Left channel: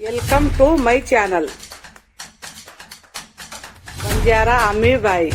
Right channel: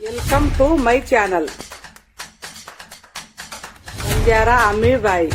Welcome to my channel Banjara Ammibai.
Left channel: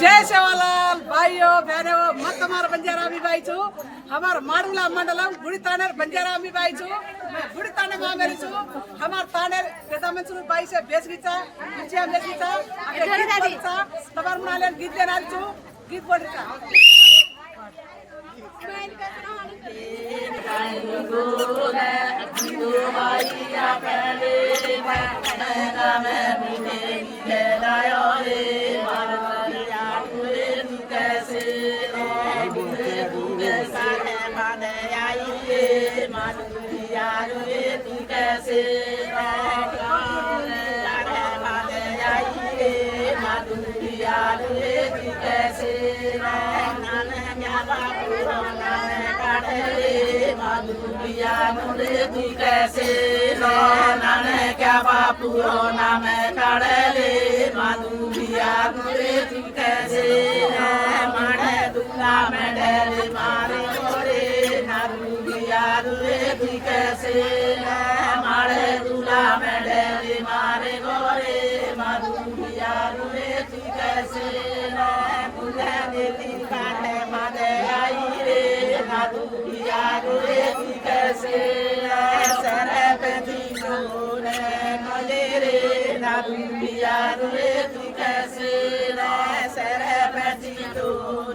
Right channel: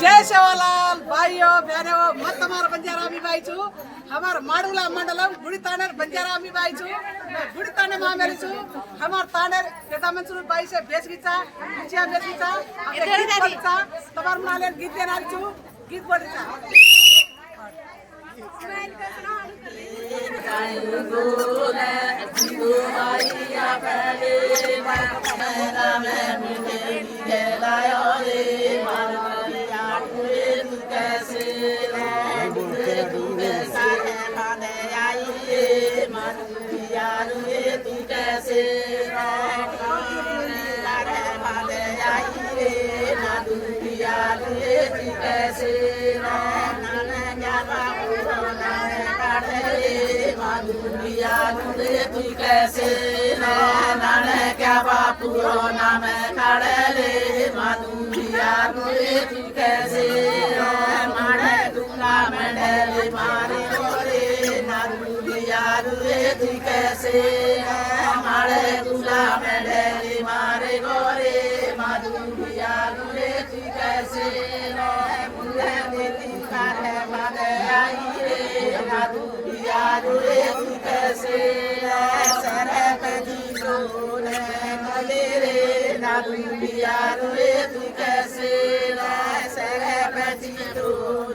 जय सेवालाल भाइयों बहनों मत हमारा बंजारा अम्मी भाई छू हमारा माडुला मंडलम गुड़ी तानेर बंजारा अम्मी भाई छू मैं गुड़ी ताने मामेली छू हमार तानेर पेदा मंसूर भाई से बेच गीता कुचिया बेच गीता अके गीत बोलता तबार मनाले गीत देनारी छू गीत बोलता पुराना में कड़ले माधुरिया तू कैसे मारे दुला में डरे मारे ओरे नादुरिया तू कैसे मारे दुला में डरे मारे गोरे माधुरिया तू कैसे मुला देखी काटे मारे आई रे माधुरिया तू कैसे सरत की सोने Naduria रे तू कैसे सरे पति तो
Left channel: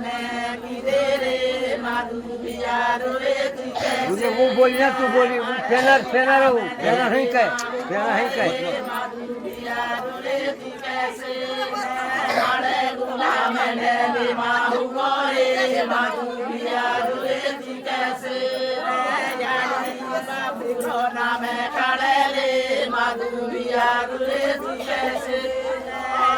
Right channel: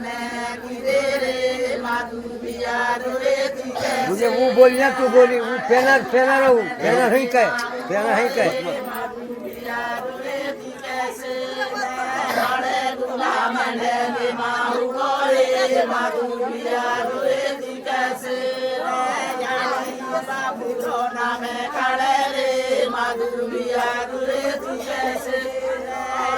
ने किरे माधुरिया रे तू कैसे वो बोलना तू बोली वो फेलर नहीं कहे माधुरिया रे तू कैसे मारे गुलाम ने माहू गोरे माधुरिया रे तू कैसे बाबू रोना में कड़े माधुरिया रे तू कैसे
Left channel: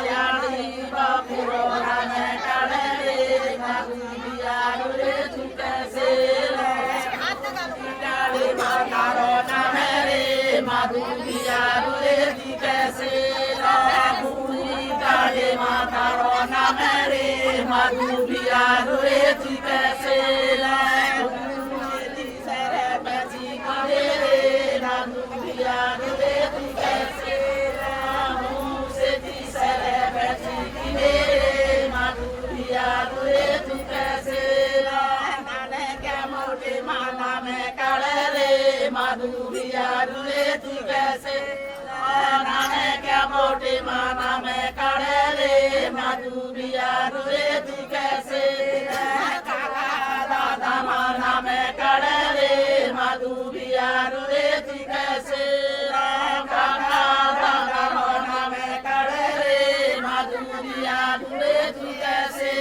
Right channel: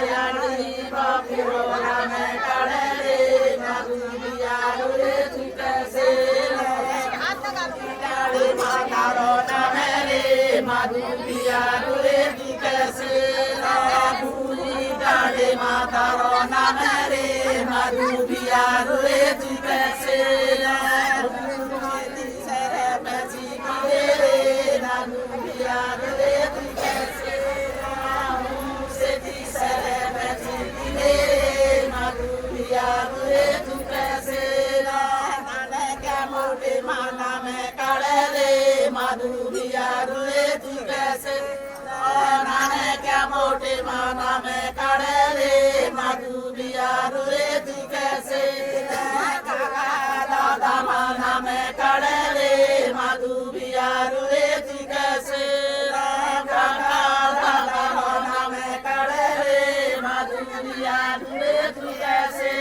यानी बाबू रोना में कड़े माधुरिया रे तू कैसे काली माता रोना में रे माधुरिया रे तू कैसे भूली काली माता रोना में रे माधुरिया रे तू कैसे माधुरिया रे तू कैसे नाने क्या मोटे माना में कड़े रे माधुरिया रे तू कैसे दादा माना में कड़े रे माधुरिया रे तू कैसे काका दादा माना में कड़े रे माधुरिया रे तू कैसे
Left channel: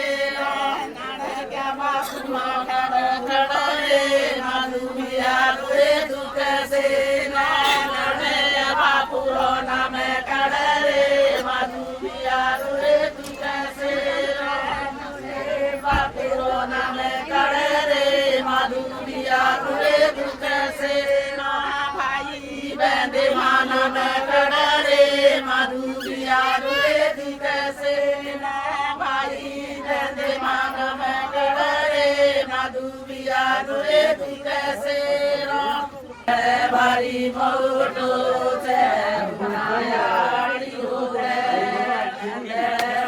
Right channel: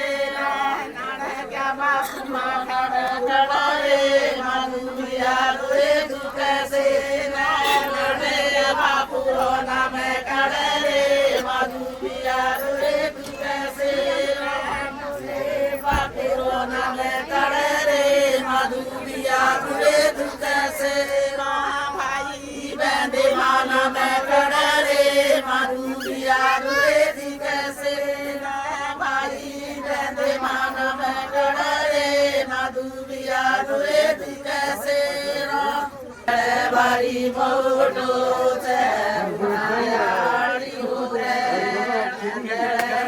नाने क्या मासूमा कड़े रे माधुरिया रे तू कैसे पुराना में कड़े माधुरिया रे तू कैसे पुराना में कड़े माधुरिया रे तू कैसे भाई बहन माना में कड़े माधुरिया रे तू कैसे भाई बहन माना में कड़े माधुरिया रे तू कैसे भारी मोटो से मायाड़ी हो गए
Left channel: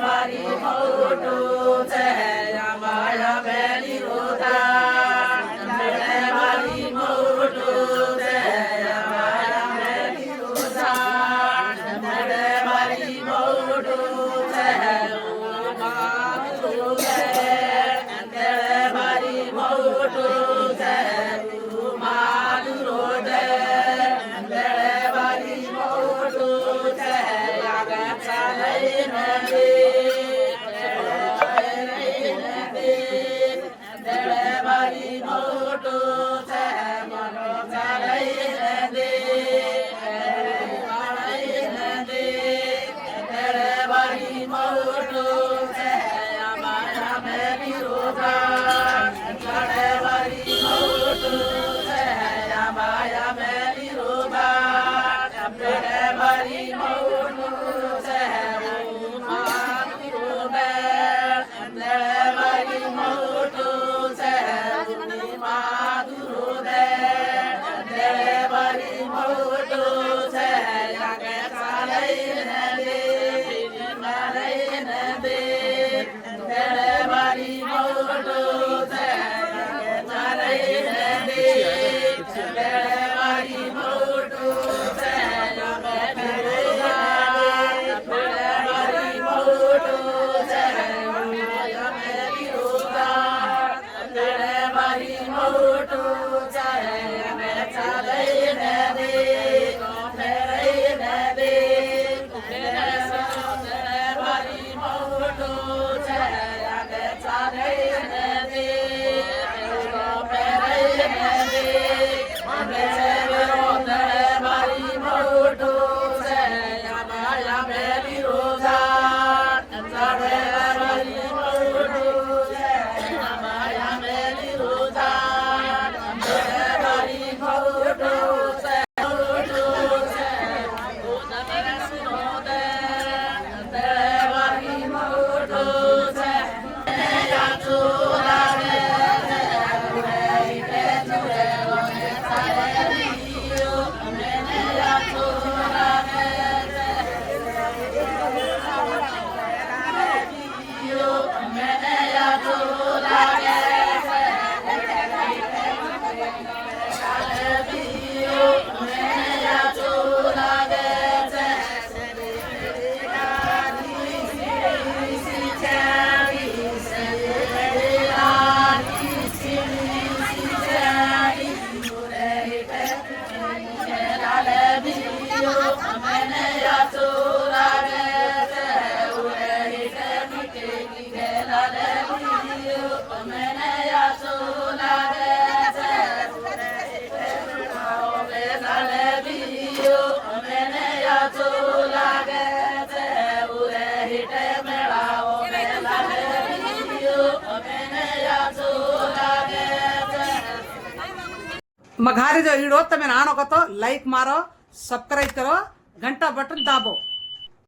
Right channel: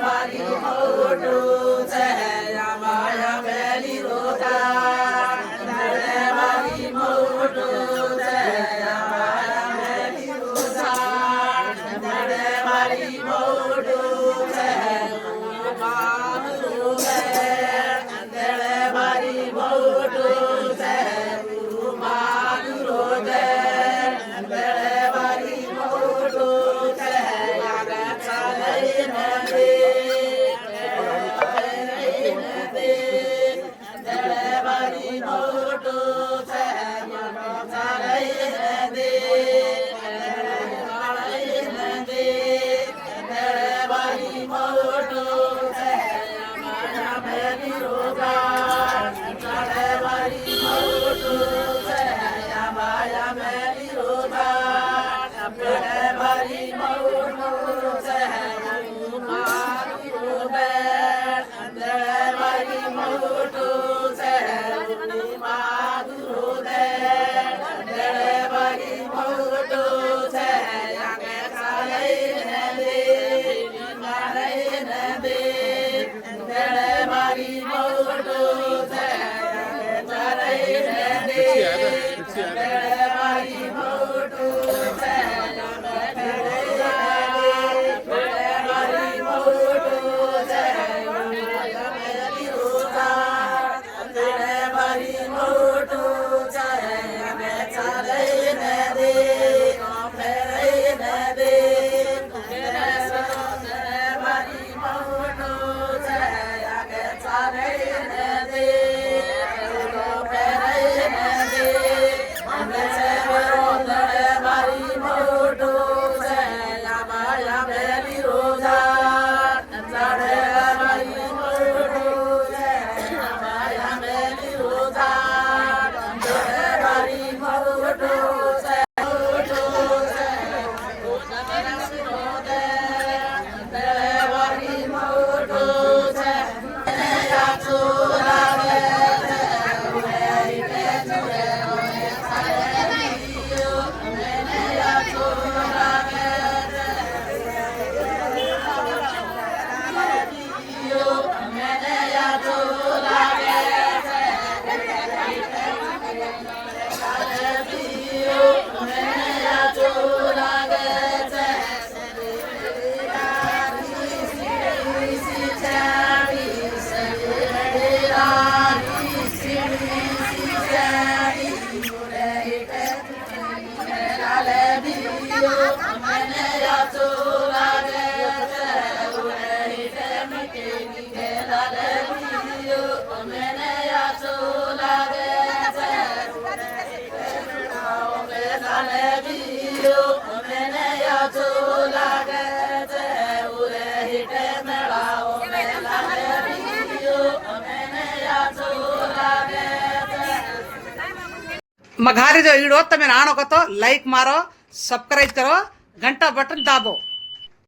भारी मोटो से माया मेरी होता भारी मोटो से माया मेरी होता भारी मोटो से बाप हो गए भारी मोटो से मालू हो गए मघारी जो वीडियो तमे आनो को तो लाइक मारो, सब्सक्राइब करो, घंटा बटन दाबो।